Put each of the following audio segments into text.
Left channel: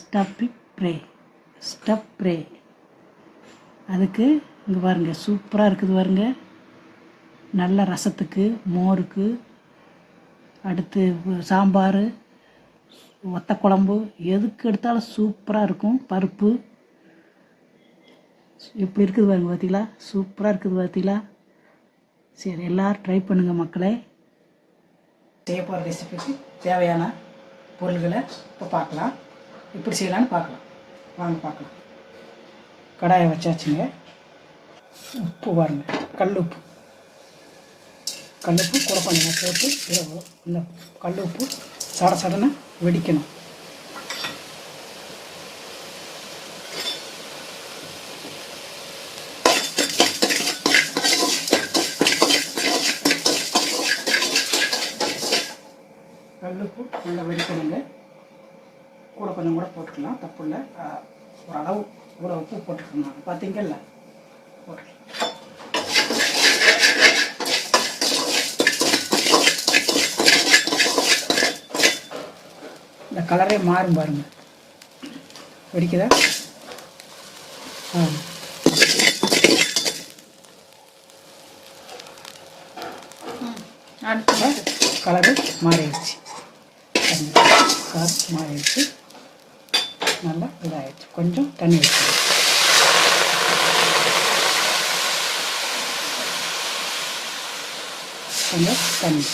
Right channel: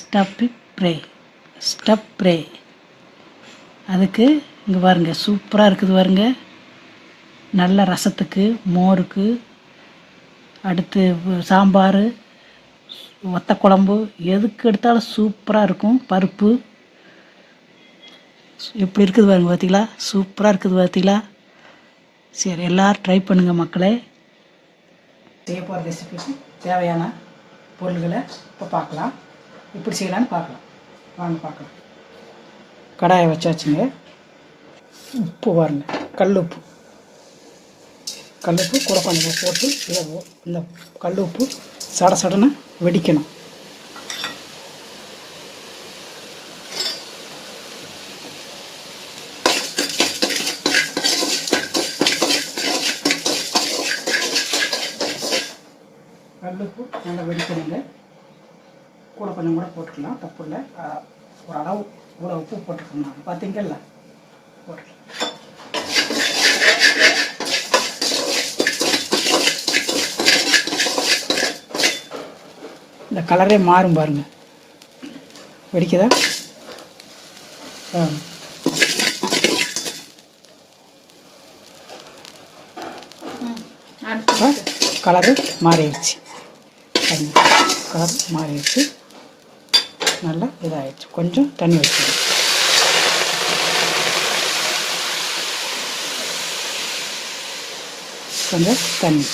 Stub pray stub pray. அதுக்கு இங்கே பாருங்கள் சூப்பராக இருக்குது பாருங்கள். நல்ல ரசத்துக்கு, மோருக்கு, அடுத்து சாம்பார், வத்த குழம்பு எதுக்கு எடுத்தாலும் சூப்பராக இருக்கும். பருப்பு எப்படி இருக்குது பாருங்கள், பார்த்தீங்களா? சூப்பராக இருக்குது பார்த்தீங்களா? சரி, எல்லோரும் ட்ரை பண்ணுங்கள் மக்களே. செய்ய போகிற ரெசிபிக்கு தேவையான பொருள்களை இப்போ பார்க்கலாம். எப்படி செய்யலான்னு பார்க்கலாம். வாங்க பார்க்கலாம். கடாயை வச்சாச்சுங்க. உப்பு பாருங்கள், கல்லுப்பு கூட கொஞ்சம் போட்டு இந்த கல் உப்பு சட சடன்னு வெடிக்கணும். கல்லுப்பு நல்லா வெடிக்கணுங்க. கூட கொஞ்சம் கூட போட்டுக்கலாம், தப்பு இல்லை. ஒரு அளவு இவ்வளோ உப்பு போட்டுருக்கோம். பார்த்தீங்கல்ல, போட்டுக்கலாம். இந்த கலரே மாறும் பாருங்க, வெடிக்குதா? கலரு மாறிடுச்சு, கலர் மாறிடுச்சு, நல்லா இதாகிடுச்சு. கொஞ்சம் தண்ணி வச்சிடும். கொஞ்சம் தண்ணி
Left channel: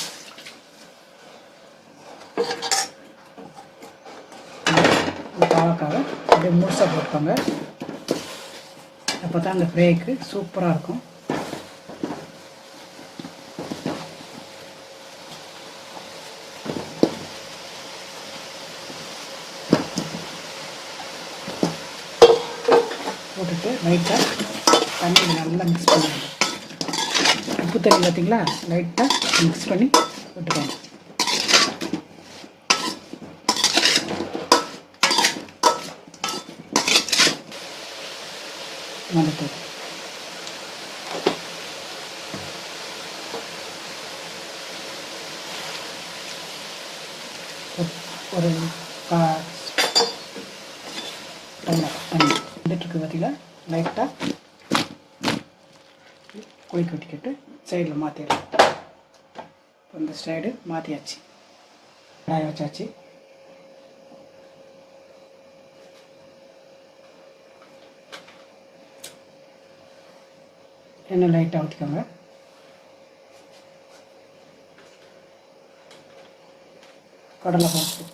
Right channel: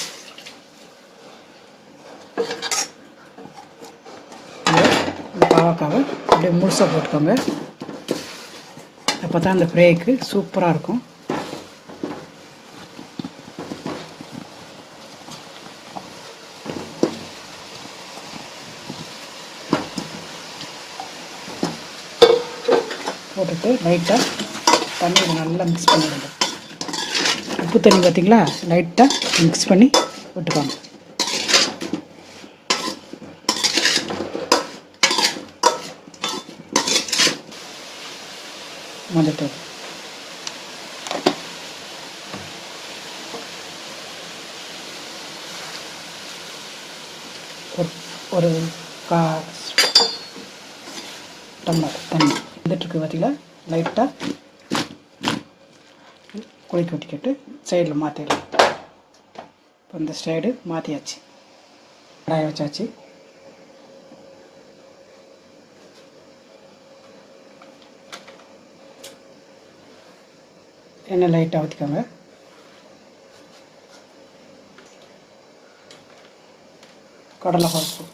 பாவக்காவை அப்படியே முழுசாக போட்டுக்கோங்க. அப்போ தான் அந்த ஃப்ரைக்கு சூப்பராக இருக்கும். போட்டுட்டு லைட்டாக தண்ணி நல்லா மிக்ஸ் பண்ணிடுங்க. உப்பு தண்ணி பார்த்திங்களா, லைட்டாக மிக்ஸ் பண்ணி விட்டுக்கோங்க. மஞ்சத்தூள் ஒரு டம்ளர் தண்ணி வந்துட்டுருக்கு பார்த்தீங்களா. லைட்டாக குளிக்க விட்டுக்கிட்டு சைடில் மாற்றிடலாம். இப்போ இந்த சைடு மாற்றியாச்சு, கடாயை வச்சாச்சு. எண்ணெய் லைட்டாக ஊற்றிக்கோங்க. கடலை பருப்பு,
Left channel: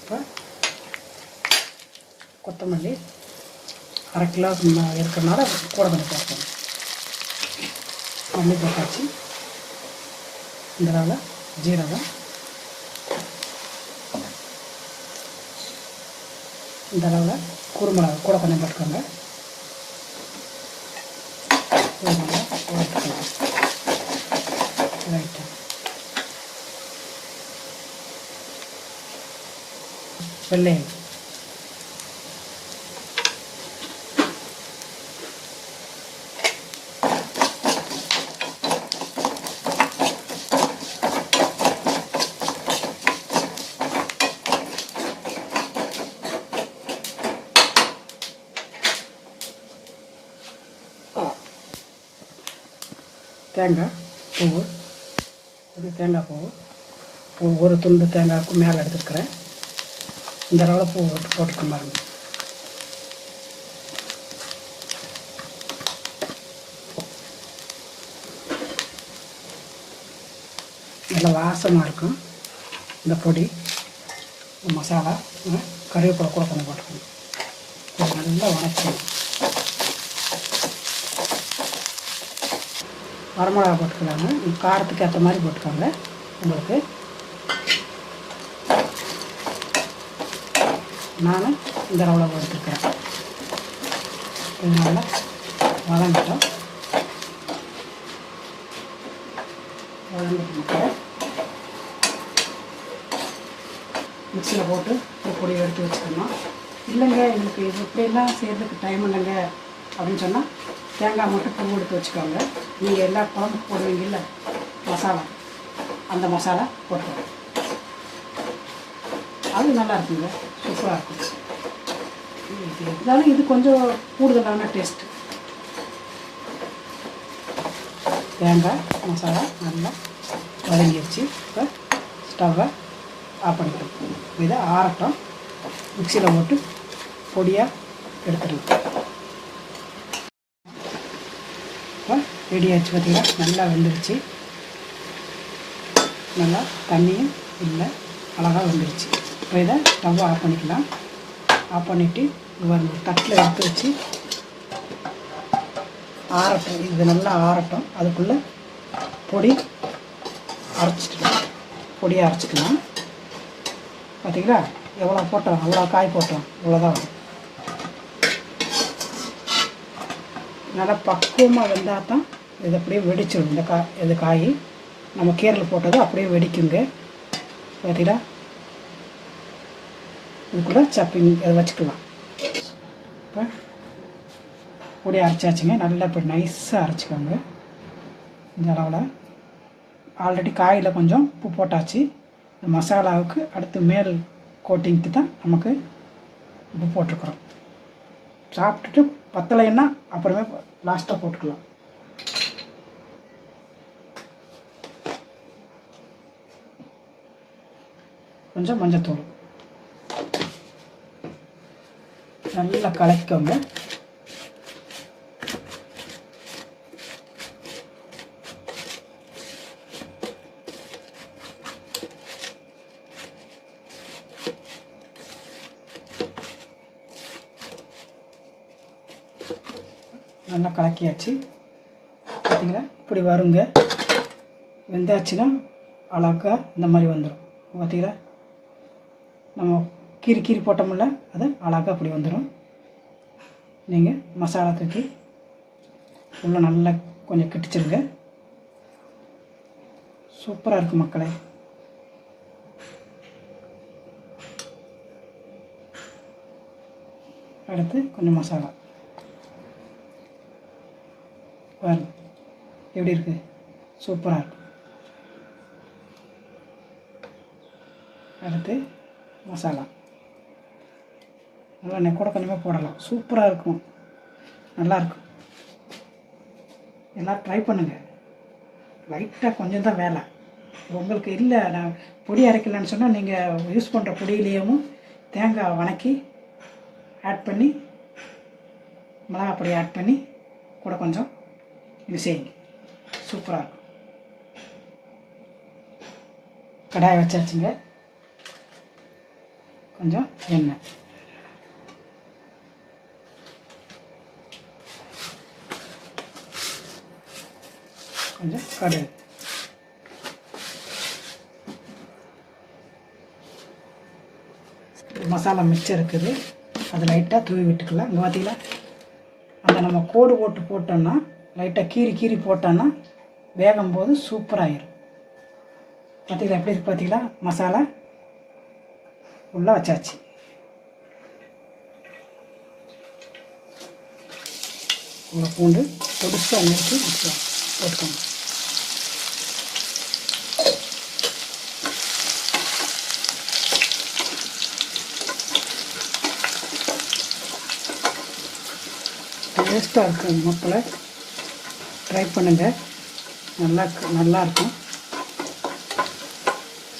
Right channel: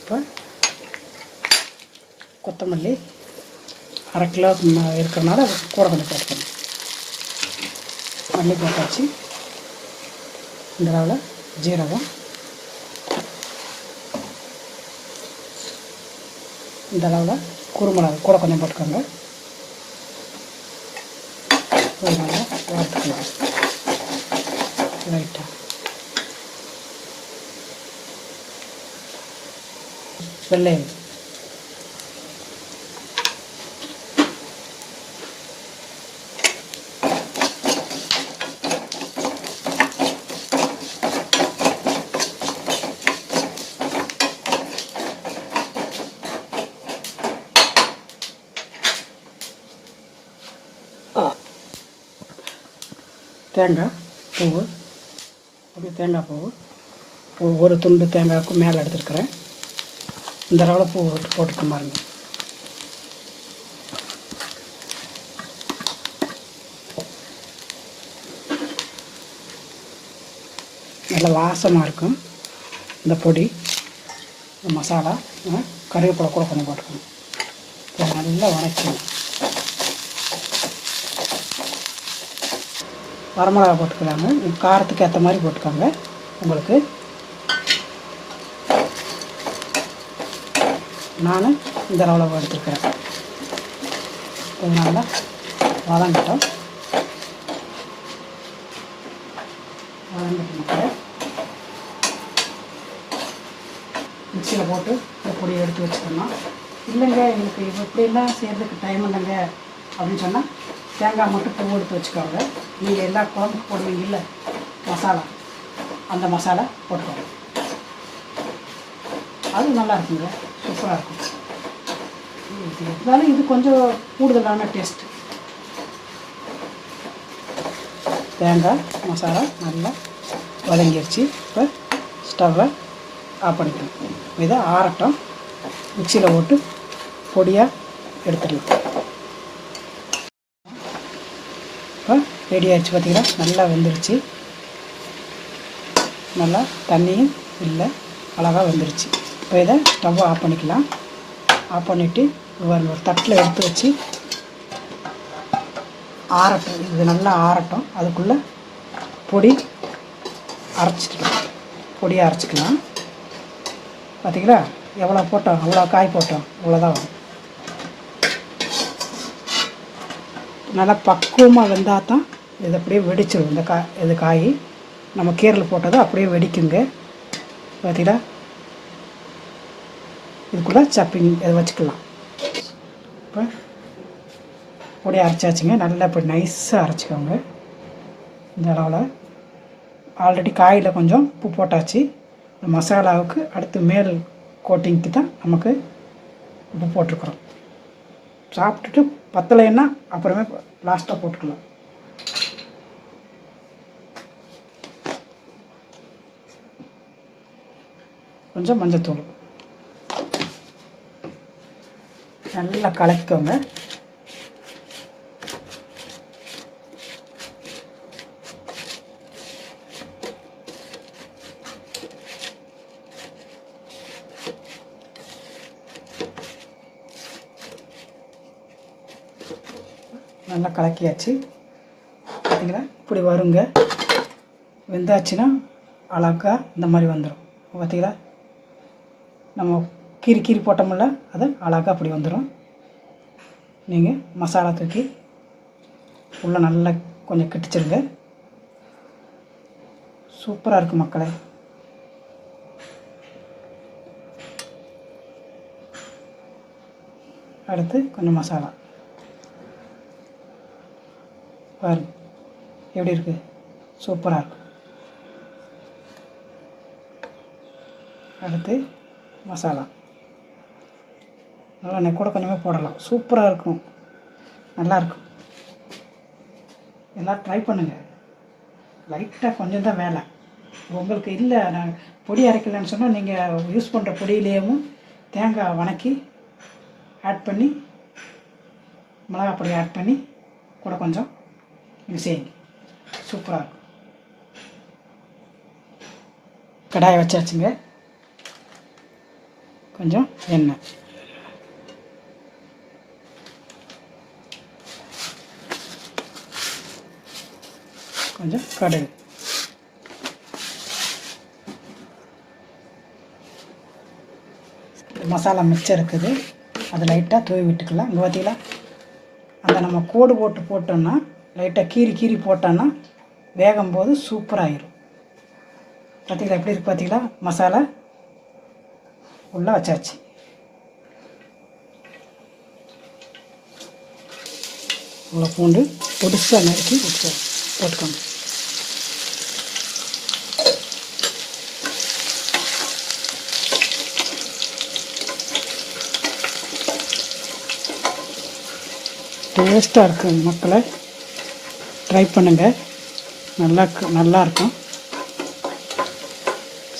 இப்போ கொத்தமல்லி 1/2 கிலோ இருக்கிறனால கூட கொஞ்சம் போட்டுக்கணும். மல்லி போட்டாச்சு. இந்த அளவில் ஜீரகம், இந்த அளவில் குருமிளகு கூட கொஞ்சம் போட்டுக்கோங்க. நல்லா வறுத்துக்கலாம் லைட்டாக. வெள்ளையம், தேங்காய் பூவு, அப்படியே தேங்காய் பூவு ஒரு துண்டு தேங்காய்க்கு மேலே எடுத்துருக்குறேன். இந்த அளவில் பூ போட்டுக்க பாருங்க. நல்லா வாசமாக இருக்கும் இந்த பொடி, இந்த மசாலா. கறிவேப்பிலை கூட கொஞ்சம் போட்டுக்கணும். நல்லா வதக்கணும். வரமிளகா போட்டுக்கலாங்க, காரத்துக்கு ஏற்ற மாதிரி போட்டுக்கோங்க. உங்களுக்கு நான் இந்த அளவில் எடுத்துருக்கிறேன். இதனால் வதங்கிட்டோம். வதங்கிட்டு மிக்சியில் போட்டு பொடியை எடுத்து வச்சுக்கணும். இல்லைங்க எங்களுக்கு இப்படியெல்லாம் செய்கிறதுக்கு டைம் இல்லைங்க அப்படின்னு சொன்னால் தேங்காய் மட்டும் பூ எடுத்து வச்சுக்கோங்க. நீங்கள் எல்லா குழம்புக்கு போடுவீங்கல்ல, மசாலா, அந்த மசாலா போட்டுருவோம். அது நல்லா இருக்குங்க, சூப்பராக இருக்கும். இருந்தாலும் இது கொஞ்சம் கூடுதலான டேஸ்ட்டு. தேங்காய் மசாலா நல்லா வதங்கிடுச்சு. இப்போ ஸ்டவ்வை ஆஃப் பண்ணிக்கலாம். இதை ஆறட்டும், மிக்சியில் போட்டு பொடியாக எடுத்துடலாம். இப்போ ரெடி ஆகிடுச்சு. பார்த்திங்கன்னா நல்லா வெந்துருச்சு. நல்லா தண்ணியும் இல்லை, அழகாக வெந்துருச்சு. இப்போ இதை ஸ்டவ்வை ஆஃப் பண்ணிக்கலாம். ஆஃப் பண்ணிவிட்டு ஒரு தட்டில் எடுத்து வச்சு ஆறட்டும். இது நல்லா ஆறட்டும். அதுக்குள்ளே பொடி அரைச்சிக்கலாம். பார்த்திங்களா எவ்வளோ போட்டோம், அவ்வளோ காய் போட்டோம், இவ்வளோதான் வரும். நல்லா பக்குவமாக வெந்தால் தான் இது அப்படியே வெடிச்சிடும். இது காய் நம்ம கீரையில் போட்டது அப்படியே வெடிக்குங்க. பார்த்தீங்களா, இது கூட சப்பிங் இதை வச்சுக்கலாம். இப்போ பொடி அரைச்சாச்சுங்க. நல்லா இப்படி நைஸாக அரைச்சிக்கோங்க. இந்த அளவில் ஆல்ரெடி காயில் கொஞ்சம் உப்பு போட்டாச்சு. மசாலாவுக்கு அடுத்து மேல் கோட்டிங்க்கு தான் நமக்கு உப்பு போட்டிருக்குறோம். சாப்பிட்டுட்டு பத்தலைன்னா அப்புறமே லாஸ்ட்டாக போட்டுக்கலாம். கொஞ்சம் மஞ்சத்தூள் நல்லா கலக்கிக்கோங்க. நல்லா கலக்கியாச்சு. பார்த்தீங்களா இப்படி வருங்க. வெந்தாச்சுன்னா அழகா இந்த மாதிரி வந்துடும். பார்த்தீங்களா, நம்ம கீரி போட்டோம்ல, அது அழகாக அப்படி வந்துடும். நீங்கள் மசாலா தூக்கி உள்ளே நல்லா கொஞ்சம் கிட்டிச்சிருங்க. சூப்பராக இருக்கும் மக்களே. அடுத்து கொஞ்சம் மசாலா பாருங்க எப்படி இருக்குது, சூப்பராக இருக்கும். அடுத்து மசாலா நல்லா கூட கொஞ்சமாக போடலாம். சூப்பராக இருக்கும், நல்லாயிருக்கும். எல்லாம் ட்ரை பண்ணுங்கள். லைட்டாக கொஞ்சம் தான் வேலை. உங்களுக்கு இல்லை நான் பொடி அரைக்கலன்னு சொன்னால் நீங்கள் யூஸ் பண்ணுற பொடியிலேயும் தேங்காய் வணக்கி ஆட் பண்ணி, மிளகா பொடி ஆட் பண்ணி கூட கொஞ்சம் இது செய்யுங்க. சூப்பராக இருக்கும். கடாயை வச்சாச்சுங்க. கொஞ்சம் எண்ணெய், கொஞ்சம் கடுகு, மசாலா மிச்சம் இருக்குது, அதை லைட்டாக தூவி விட்டுக்கலாம். இங்கே பார்த்தீங்களா, அந்த நம்ம கோடு போட்டோம்னா லைட்டாக கீரி போட்டோன்னா வேகும்போது சூப்பராகிடும். பார்த்தீங்களா எப்படி இருக்கு, பார்த்தீங்களா மசாலா உள்ளே வச்சாச்சு. உள்ள பூண்டு பொடிசாக நறுக்கி போட்டுக்கோங்க. டேஸ்ட்டாக இருக்கும் மக்களை, ட்ரை பண்ணுங்கள். நல்லாயிருக்கும்.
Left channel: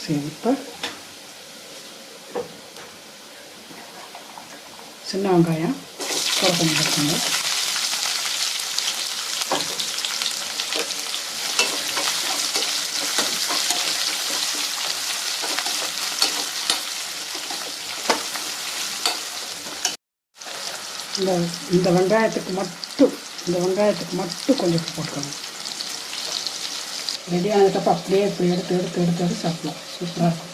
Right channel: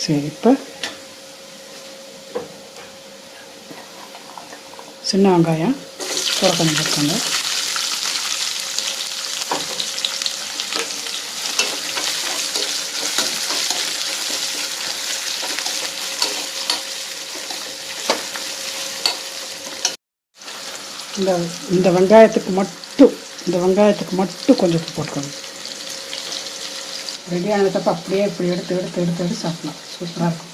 சரி, இப்போ சின்ன வெங்காயம் கூட கொஞ்சம் வச்சுங்க. இந்த வெங்காயத்துக்கு மட்டும் கொஞ்சம் போட்டுக்கணும். ரெடியானதுக்கப்புறம் அப்படியே இப்படி எடுத்து சாப்பிடலாம். சூப்பராக இருக்கும்.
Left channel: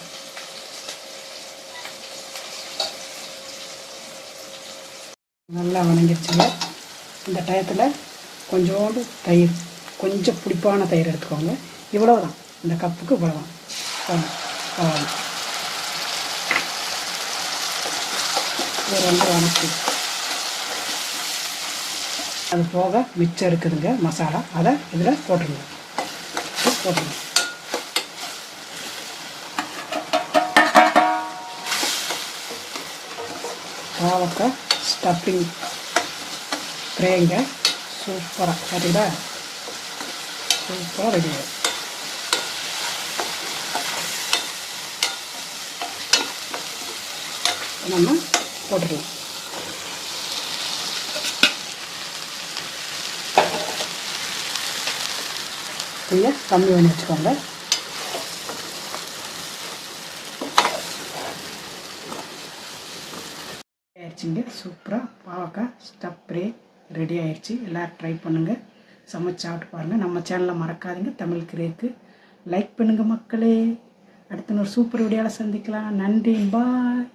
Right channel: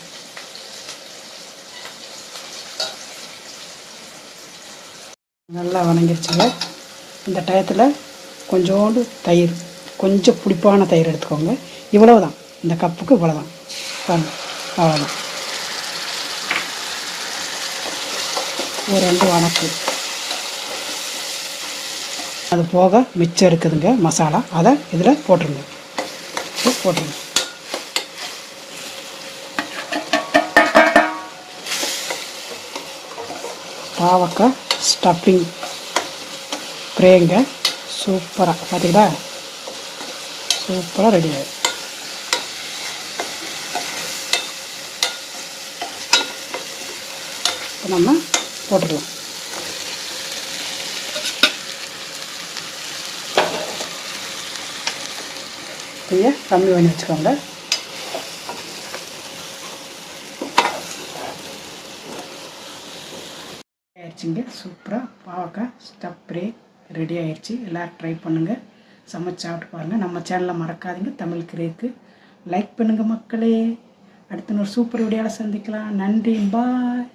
நல்லா வணங்கிடுச்சுங்க. இந்த டயத்தில் கொஞ்சோண்டு தயிர், கொஞ்சம் புளிப்பான தயிர் எடுத்துக்கோங்க. இவ்வளவுதான், இந்த கப்புக்கு இவ்வளோதான். அவ்வளோதான். ஒரு 2 வணக்கு. அது போக மிச்சம் இருக்குதுங்க மசாலா, அதை இதில் போட்டுருங்க. போட்டுருங்க. பாவக்காய் ஸ்டஃபிங் ஃப்ரைங்க சூப்பராக பார்த்தீங்களா, சூப்பராக ரெடி ஆகும். நம்ம போட்டுக்கலாம். தீயை கம்மி பண்ணி வச்சுக்கோங்க. ஆயிடுச்சுங்க, சூப்பராக பாவக்காய் ஸ்டஃப் ஃப்ரை ரெடி ஆயிடுச்சு. எல்லோரும் ட்ரை பண்ணுங்கள், சமைச்சு சாப்பிட்டு பாருங்கள். நம்ம சேனலை மறக்காதீங்க, தமிழ் கிரேக்கு லைக் பண்ணுங்கள் மக்களே. அடுத்த ஒரு சூப்பர் வீடியோவில் சந்திக்கலாம். நன்றி, பாய்.